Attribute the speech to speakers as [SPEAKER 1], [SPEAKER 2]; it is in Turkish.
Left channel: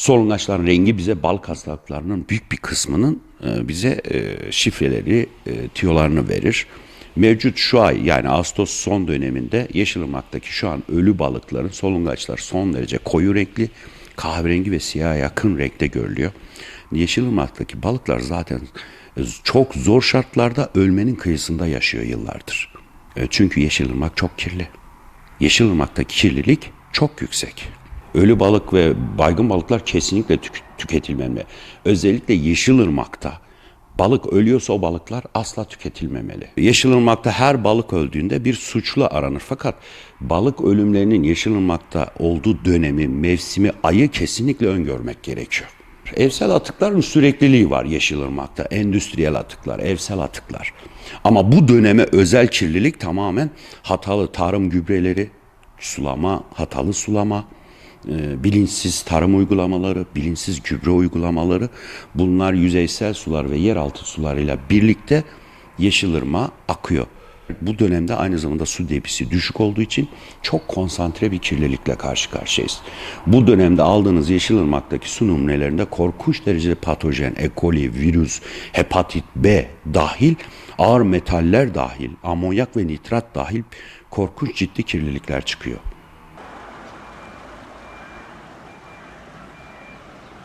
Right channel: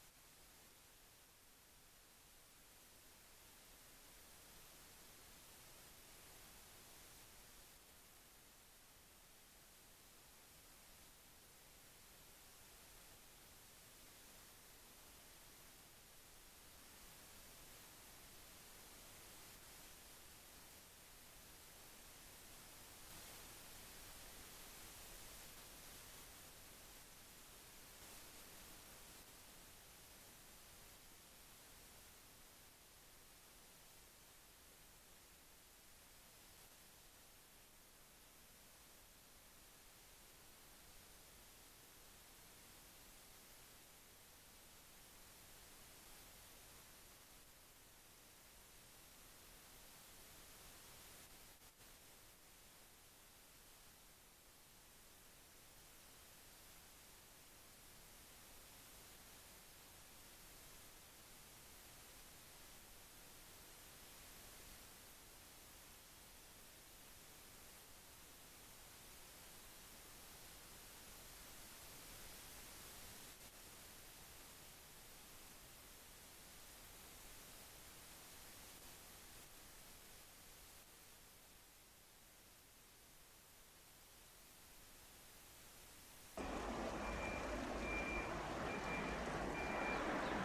[SPEAKER 1] Solungaçların rengi bize balık hastalıklarının büyük bir kısmının e, bize e, şifreleri, e, tiyolarını verir. Mevcut şu ay yani Ağustos son döneminde Yeşilırmak'taki şu an ölü balıkların solungaçlar son derece koyu renkli, kahverengi ve siyaha yakın renkte görülüyor. Yeşilırmak'taki balıklar zaten çok zor şartlarda ölmenin kıyısında yaşıyor yıllardır. Çünkü Yeşilırmak çok kirli. Yeşilırmak'taki kirlilik çok yüksek. Ölü balık ve baygın balıklar kesinlikle tük- tüketilmemeli. Özellikle Yeşilırmak'ta balık ölüyorsa o balıklar asla tüketilmemeli. Yeşilırmak'ta her balık öldüğünde bir suçlu aranır. Fakat balık ölümlerinin Yeşilırmak'ta olduğu dönemi, mevsimi, ayı kesinlikle öngörmek gerekiyor. Evsel atıkların sürekliliği var Yeşilırmak'ta. Endüstriyel atıklar, evsel atıklar. Ama bu döneme özel kirlilik tamamen hatalı tarım gübreleri, sulama, hatalı sulama, bilinçsiz tarım uygulamaları, bilinçsiz gübre uygulamaları bunlar yüzeysel sular ve yeraltı sularıyla birlikte Yeşilırmağa akıyor. Bu dönemde aynı zamanda su debisi düşük olduğu için çok konsantre bir kirlilikle karşı karşıyayız. Bu dönemde aldığınız Yeşilırmak'taki su numunelerinde korkunç derecede patojen, E. coli, virüs, hepatit B dahil, ağır metaller dahil, amonyak ve nitrat dahil korkunç ciddi kirlilikler çıkıyor.